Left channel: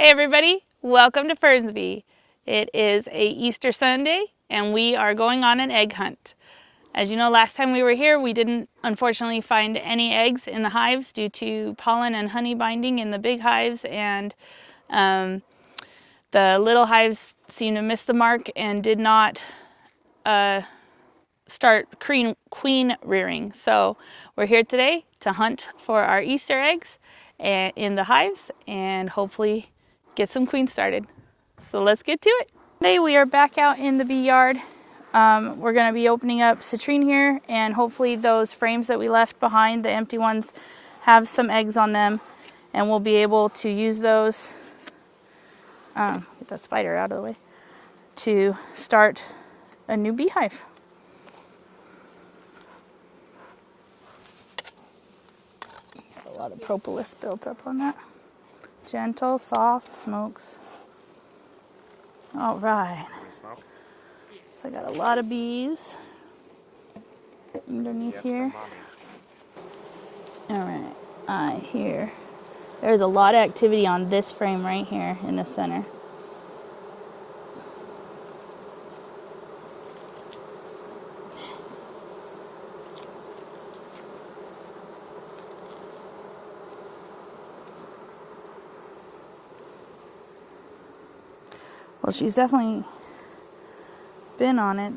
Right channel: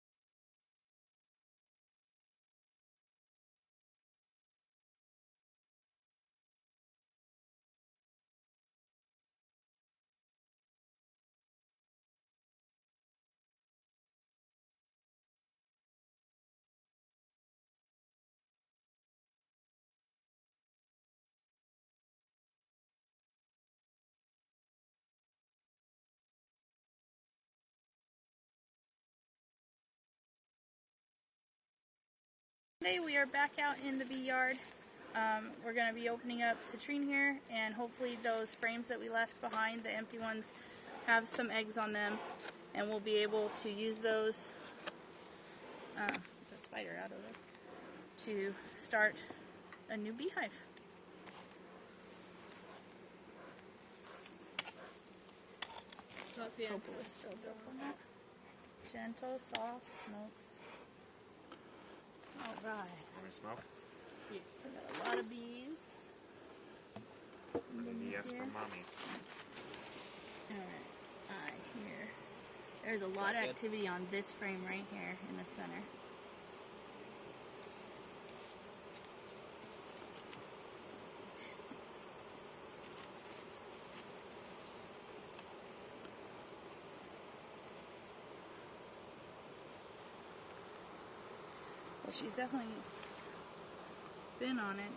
Hey everybody, welcome to Fernsby. It is a Easter Sunday and we are going on an egg hunt. As you know, last time we were here we didn't unfortunately find any eggs in the hives due to pollen and honey binding in the big hives, and the little hives seemed to miss the mark and did not start queen rearing. So we're here today to hunt for our Easter eggs in the hives and hopefully get some queens started. So let's get to it. Today we are back out in the bee yard. We're going to be opening up citrine here, and hopefully those frames that we left behind, the empty ones, have some eggs on them, and we'll be able to use those, get that spider out of the way, to start a new beehive. A lot of propolis built up on that. Gentle, soft smokes. All right. So I got a lot of bees underneath here. All right. I hear there's a lot of activity on this frame right here in the center. Well, she's definitely been on it.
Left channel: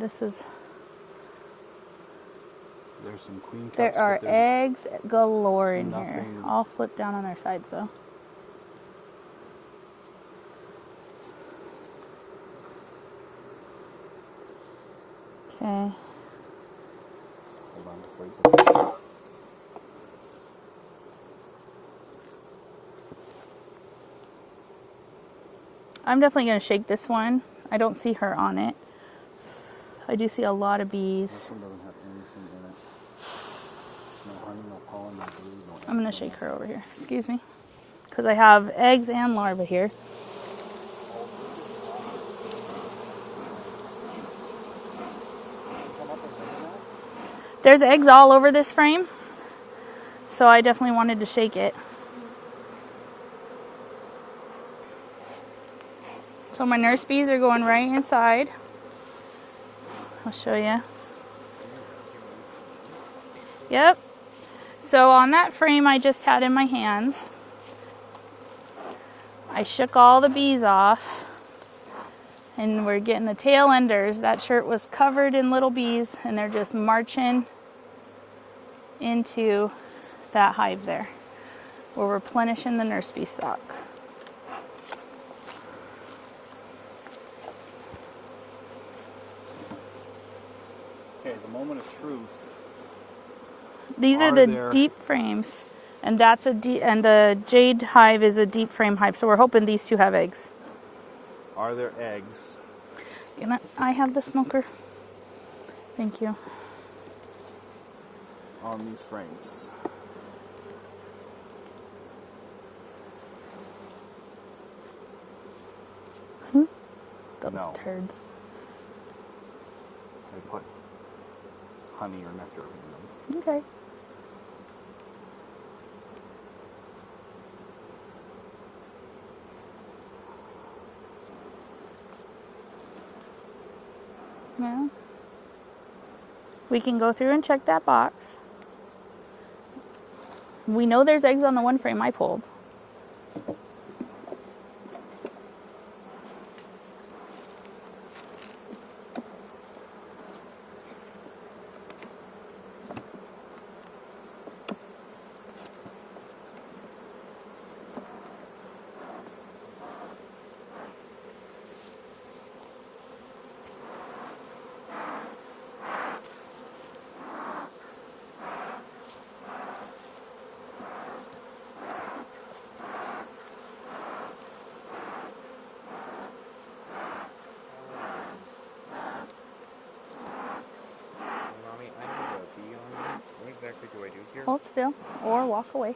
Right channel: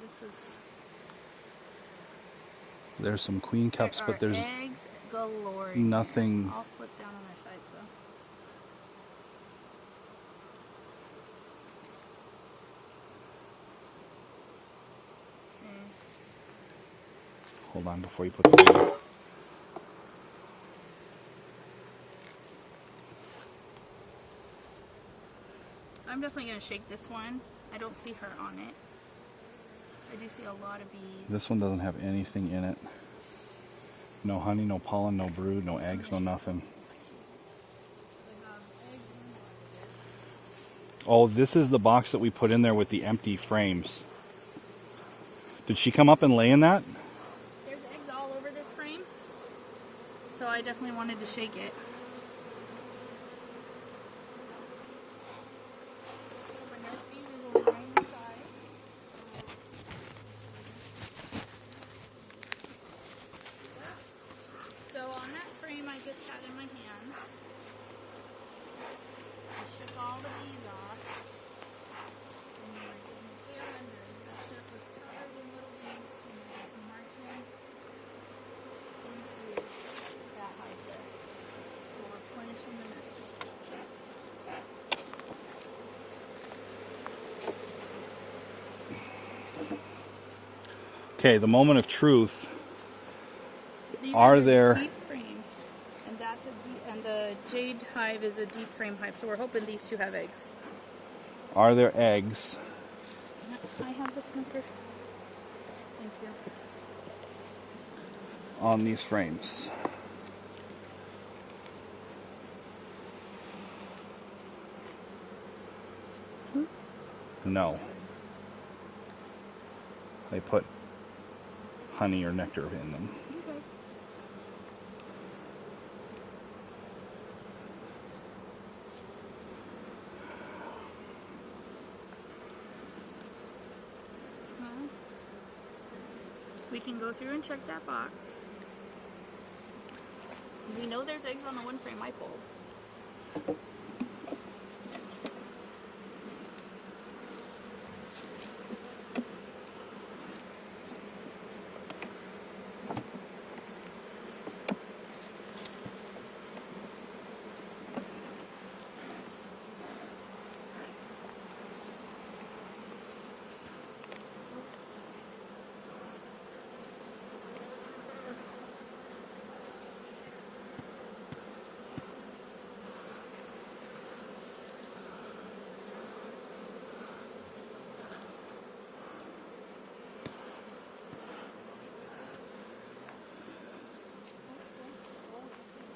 There's some queen cups, there are but there's eggs galore in nothing. here. All flipped down on their sides though. Okay. Hold on before you put them in. I'm definitely going to shake this one. I don't see her on it. I do see a lot of bees. This one doesn't have anything in it. No honey, no pollen, no brood, no eggs, I'm going to no shake nothing. her over here. Excuse me. Because I have eggs and larvae here. Oh, this is the box that we put in there with the empty frames. Did she come up and lay in that? There's eggs all over this frame, so I definitely wanted to shake it. So my nurse bees are going right inside. I'll show you. Yep. So on that frame I just had in my hands, I shook all the bees off, and we're getting the tail enders. That shirt was covered in little bees, and they're just marching into that hive there. We're replenishing the nurse bee stock. Okay, the moment of truth. These are the deep frames, and that's and the Jade hive is a deep frame hive. So we're hoping these two have eggs. Are there eggs? I have the smoker. Thank you. On these frames? No. Turds. They put honey or nectar in them. Okay. Well, we can go through and check that box. We know there's eggs on the one frame I pulled. Hold still or walk away.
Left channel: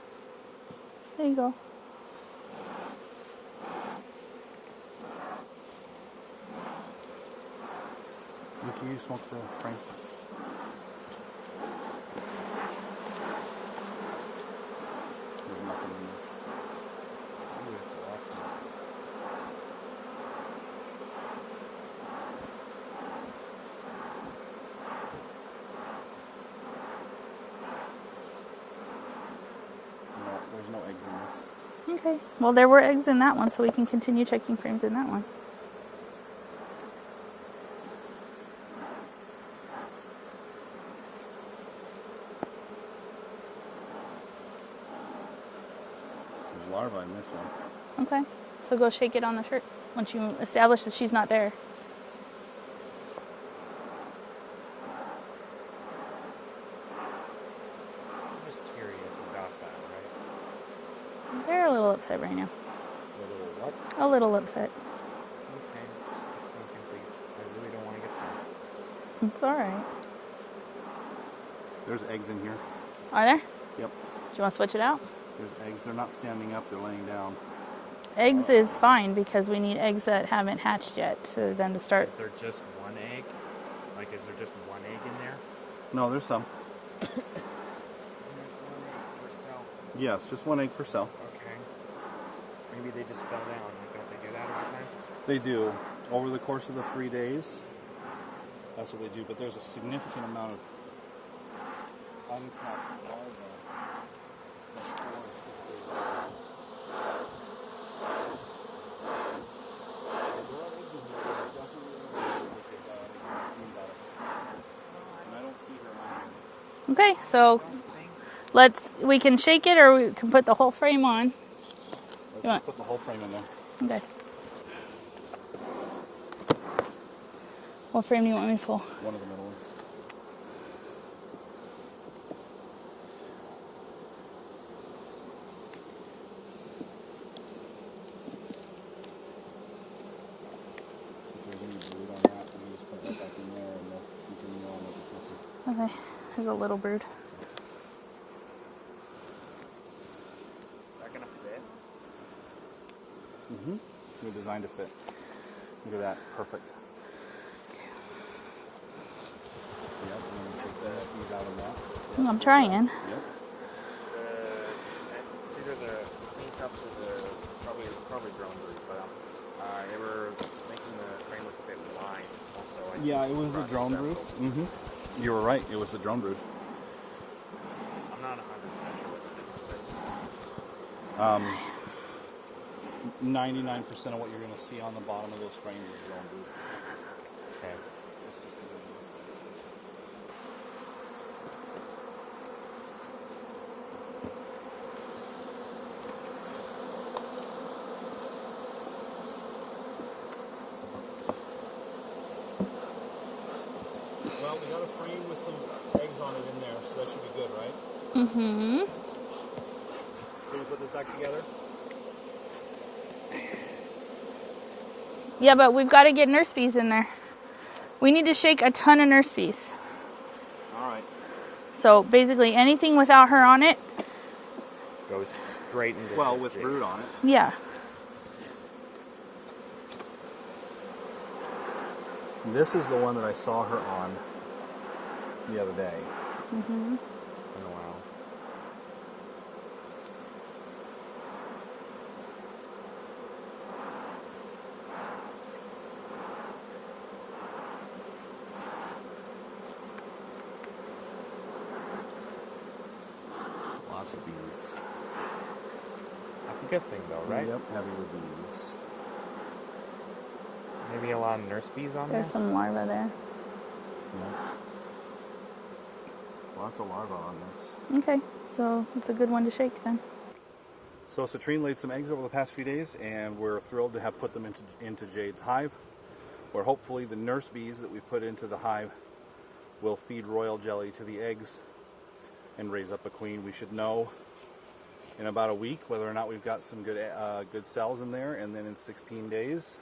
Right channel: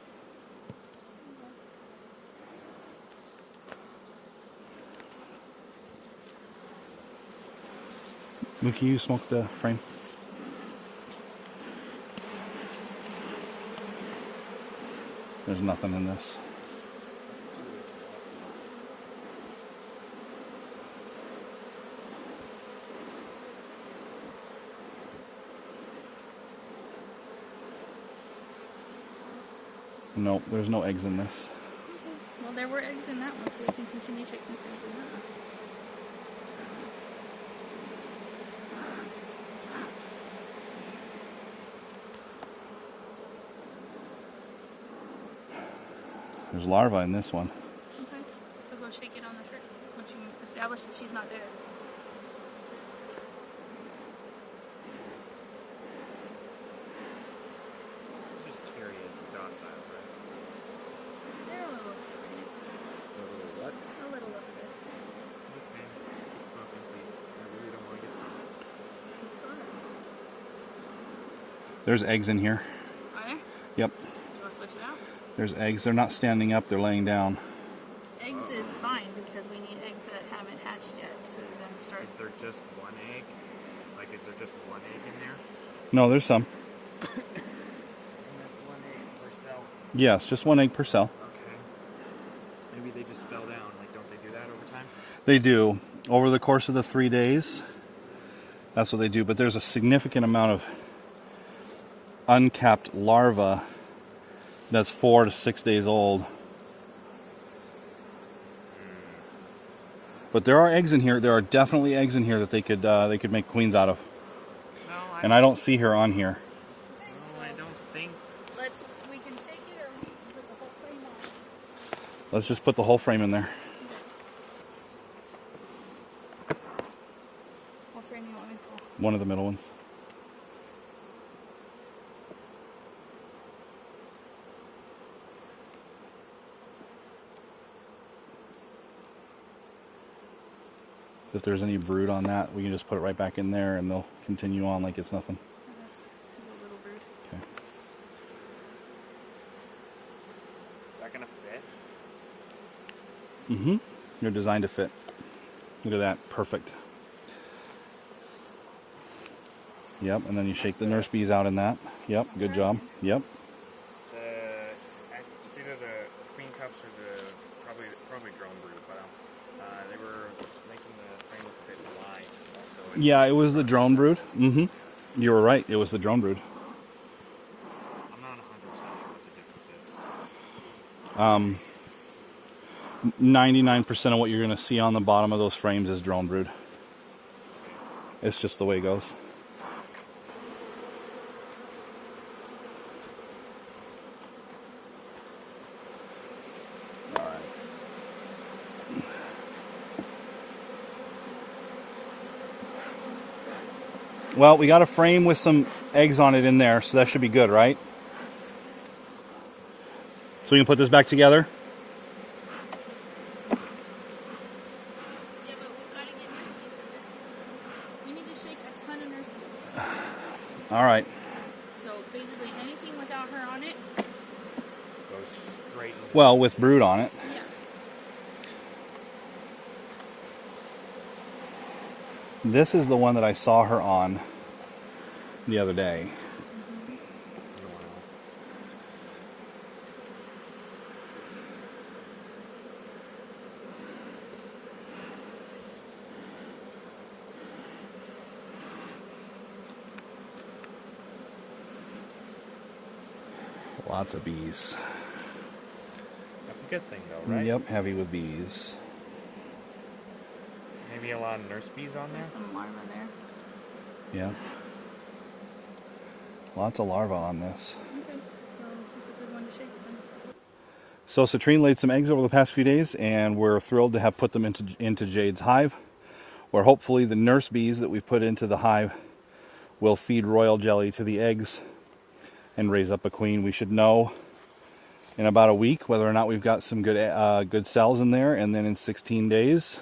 There you go. Can you smoke the frame? There's nothing in this. Nope, there's no eggs in this. Okay. Well, there were eggs in that one, so we can continue checking frames in that one. There's larvae in this one. Okay. So go shake it on the shirt once you establish that she's not there. I'm just curious about that, right? They're a little upset right now. A little what? A little upset. Okay, just keep smoking, please. I really don't want to get sick. It's all right. There's eggs in here. Are there? Yep. Do you want to switch it out? There's eggs. They're not standing up, they're laying down. Eggs is fine because we need eggs that haven't hatched yet so then to start. Is there just one egg? Like, is there just one egg in there? No, there's some. One egg per cell. Yes, just one egg per cell. Okay. Maybe they just fell down. Like, don't they do that all the time? They do. Over the course of the 3 days, that's what they do. But there's a significant amount of uncapped larva that's 4 to 6 days old. But there are eggs in here. There are definitely eggs in here that they could make queens out of. And I don't see her on here. Okay, so we can shake it or we can put the whole frame on. Let's just put the whole frame in there. Okay. What frame do you want me to pull? One of the middle ones. If there's any brood on that, we can just put it right back in there and they'll continue on like it's nothing. Okay, there's a little brood. Okay. Is that gonna fit? Mm-hmm. They're designed to fit. Look at that. Perfect. Yep, and then you shake the nurse bees out in that. Yep. I'm good trying. job. Yep. It's either the queen cups or the probably drone brood, but they were making the frame look a bit blind. Also, Yeah, it was the drone brood. Mm-hmm. You were right. It was the drone brood. I'm not 100% sure what the difference is. 99% of what you're going to see on the bottom of those frames is drone brood. Okay. It's just the way it goes. Well, we got a frame with some eggs on it in there, so that should be good, right? Mm-hmm. So we can put this back together? Yeah, but we've got to get nurse bees in there. We need to shake a ton of nurse bees. All right. So basically anything without her on it. Goes straight into Well, with brood on it. Yeah. This is the one that I saw her on the other day. Mm-hmm. It's been a while. Lots of bees. That's a good thing, though, right? Yep, heavy with bees. Maybe a lot of nurse bees on There's there. some larvae there. Yeah. Lots of larvae on this. Okay, so it's a good one to shake then. So Citrine laid some eggs over the past few days, and we're thrilled to have put them into Jade's hive, where hopefully the nurse bees that we put into the hive will feed royal jelly to the eggs and raise up a queen. We should know in about a week whether or not we've got some good cells in there, and then in 16 days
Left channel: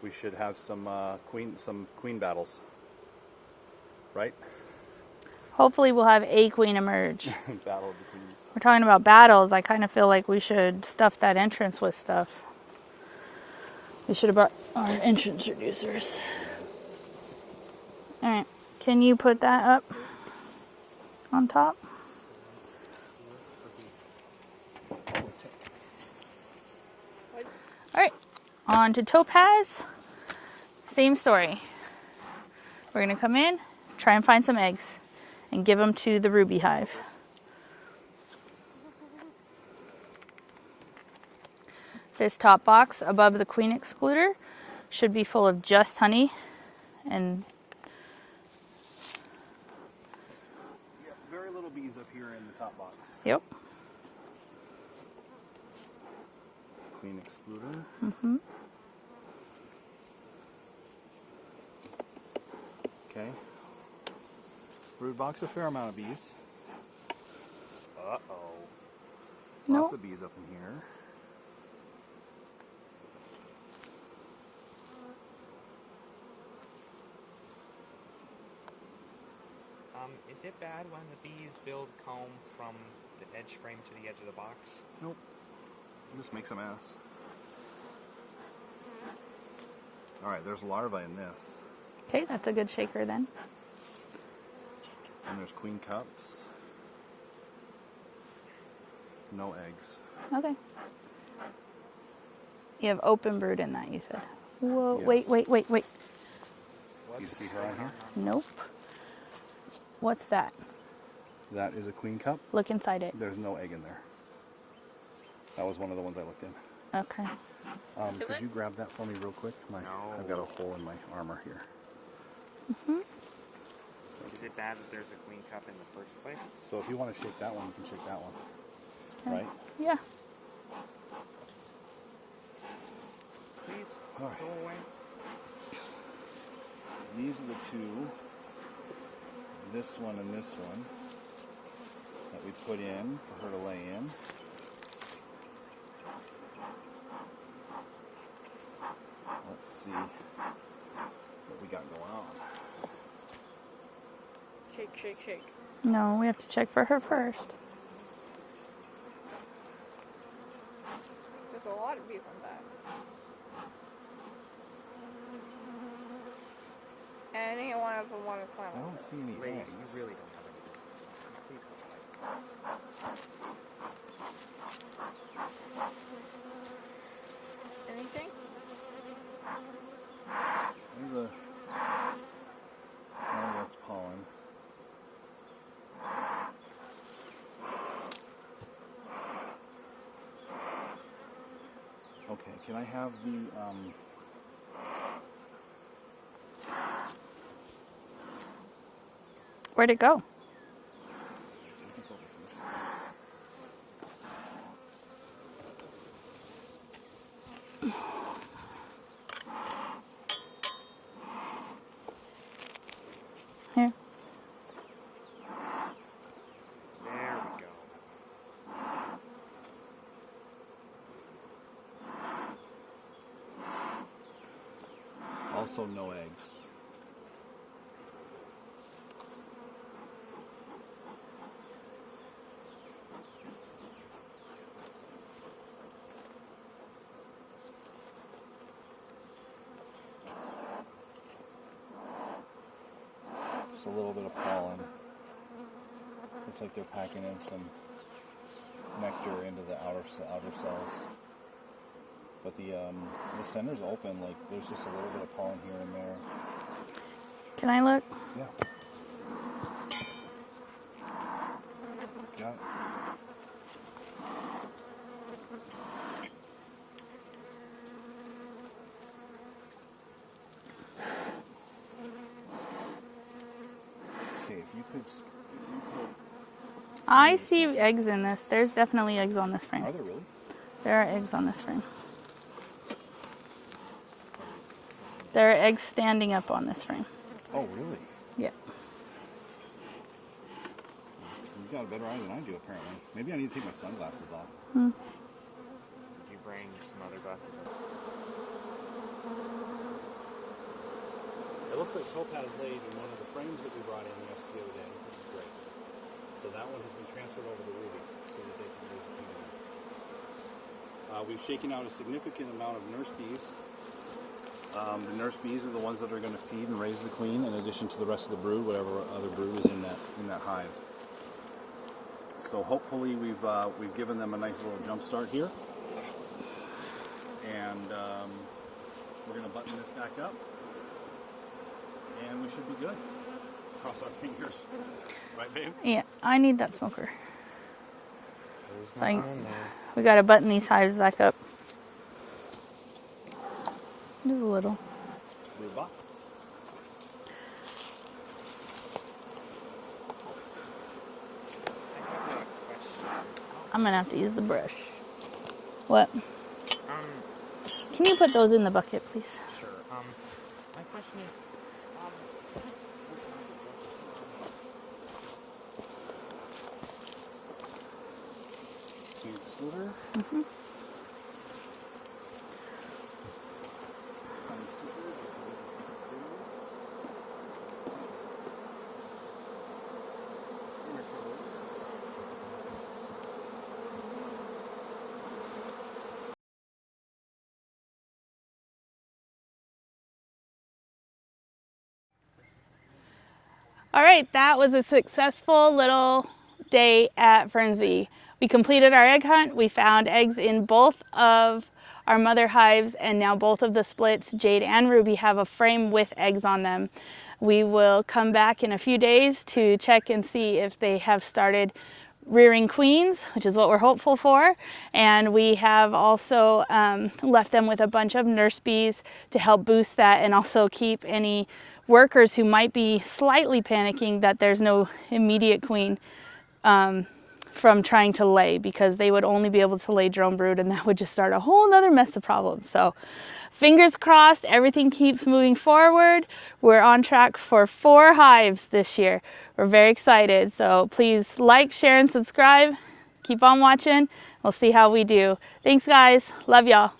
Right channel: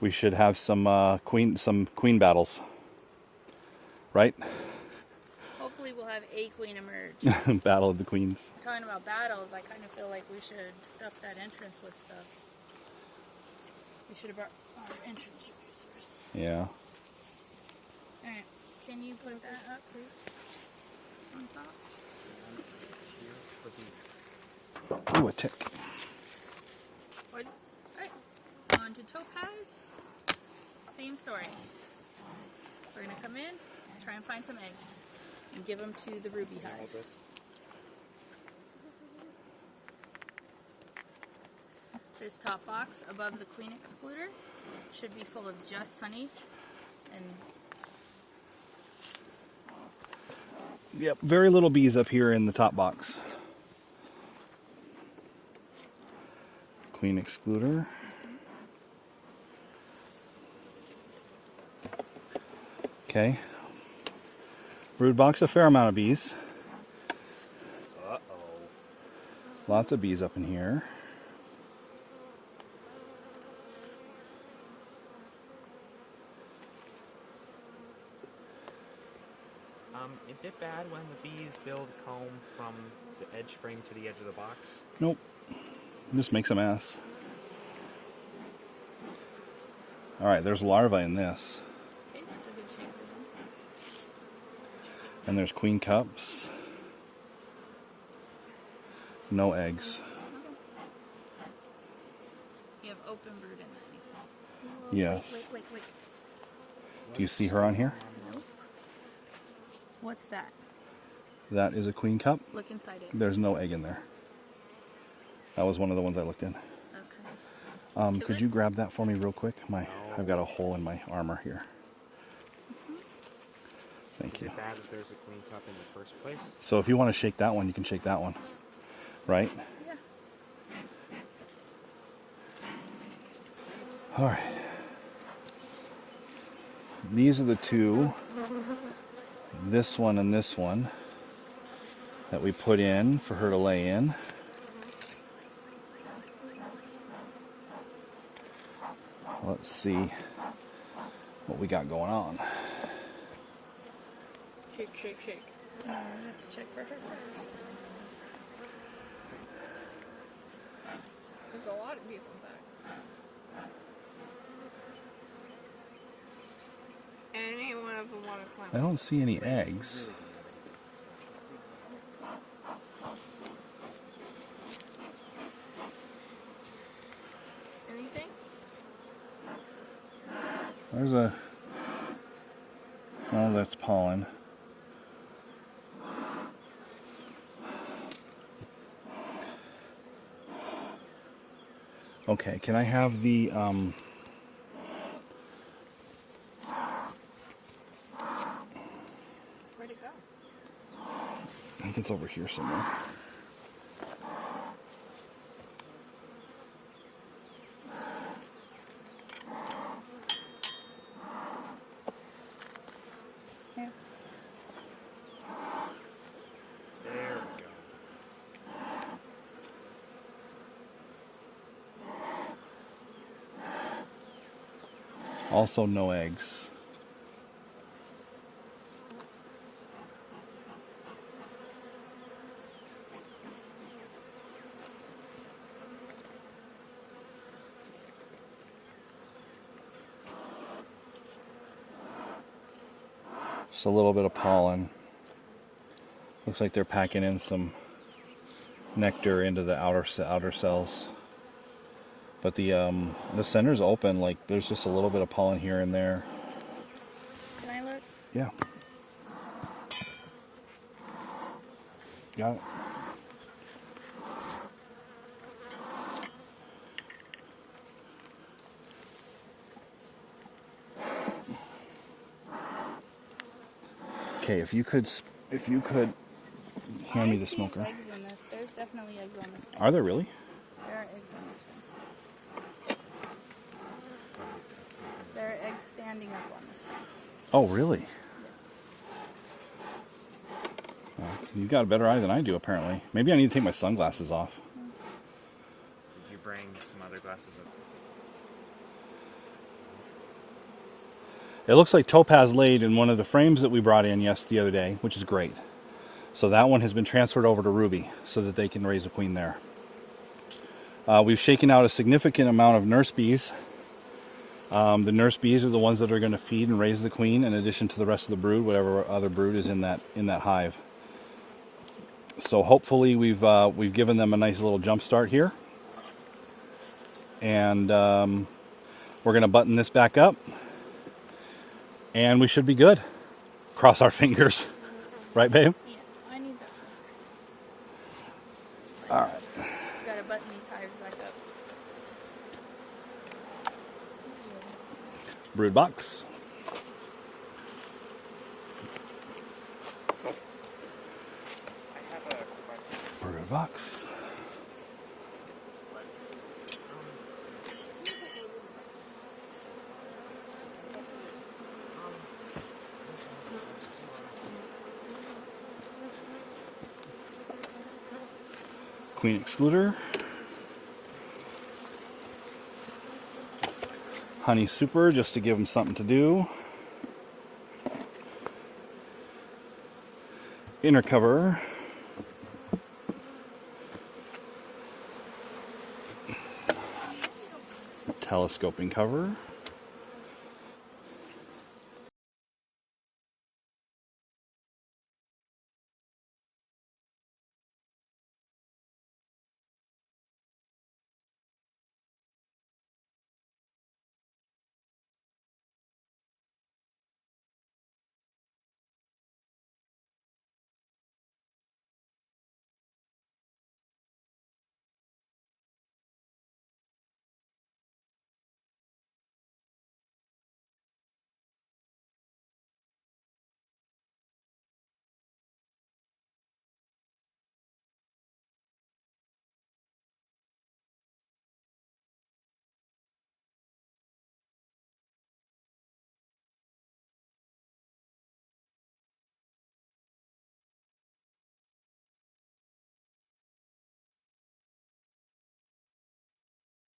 we should have some queen battles, right? Hopefully we'll have a queen emerge. Battle of the queens. We're talking about battles. I kind of feel like we should stuff that entrance with stuff. We should have brought our entrance reducers. Yeah. All right, can you put that up on top? Ooh, a tick. All right, on to Topaz. Same story. We're gonna come in, try and find some eggs, and give them to the Ruby hive. This top box above the queen excluder should be full of just honey and Yep, very little bees up here in the top box. yep. Queen excluder. Okay. Brood box, a fair amount of bees. Lots of bees up in here. Is it bad when the bees build comb from the edge frame to the edge of the box? Nope. It just makes a mess. Alright, there's larvae in this. Okay, that's a good shaker then. And there's queen cups. No eggs. Okay. You have open brood in that, you said. Whoa, Yes. wait. Do you see her on here? Nope. What's that? That is a queen cup. Look inside it. There's no egg in there. That was one of the ones I looked in. Okay. Could you grab that for me real quick? I've got a hole in my armor here. Thank Is you. it bad that there's a queen cup in the first place? So if you want to shake that one, you can shake that one. Right? Yeah. All right. These are the two, this one and this one, that we put in for her to lay in. Let's see what we got going on. Shake. No, we have to check for her first. There's a lot of bees on that. And any one of them want to climb I up. don't see any eggs. Anything? There's a... Oh, that's pollen. Okay, can I have the... Where'd it go? I think it's over here somewhere. Here. There we go. Also no eggs. Just a little bit of pollen. Looks like they're packing in some nectar into the outer cells. But the center's open, like there's just a little bit of pollen here and there. Can I look? Yeah. Got it. Okay, if you could. I hand me the see smoker. eggs in this. There's definitely eggs on this frame. Are there really? There are eggs on this frame. There are eggs standing up on this frame. Oh, really? Yeah. Well, you've got a better eye than I do, apparently. Maybe I need to take my sunglasses off. Did you bring some other glasses up? It looks like Topaz laid in one of the frames that we brought in the other day, which is great. So that one has been transferred over to Ruby so that they can raise a queen there. We've shaken out a significant amount of nurse bees. The nurse bees are the ones that are going to feed and raise the queen in addition to the rest of the brood, whatever other brood is in that hive. So hopefully we've given them a nice little jump start here. And we're going to button this back up. And we should be good. Cross our fingers. Right, babe? Yeah, I need that smoker. So we got to button these hives back up. Just a little. Brood box. Brood box. I'm gonna have to use the brush. What? Um, Can you put those in the bucket, please? sure. My question is, Queen excluder. Honey super, just to give them something to do. Inner cover. Telescoping cover. All right, that was a successful little day at Fernsby. We completed our egg hunt. We found eggs in both of our mother hives, and now both of the splits, Jade and Ruby, have a frame with eggs on them. We will come back in a few days to check and see if they have started rearing queens, which is what we're hopeful for. And we have also left them with a bunch of nurse bees to help boost that, and also keep any workers who might be slightly panicking that there's no immediate queen from trying to lay, because they would only be able to lay drone brood, and that would just start a whole nother mess of problems. So fingers crossed, everything keeps moving forward. We're on track for 4 hives this year. We're very excited. So please like, share, and subscribe. Keep on watching. We'll see how we do. Thanks, guys. Love y'all.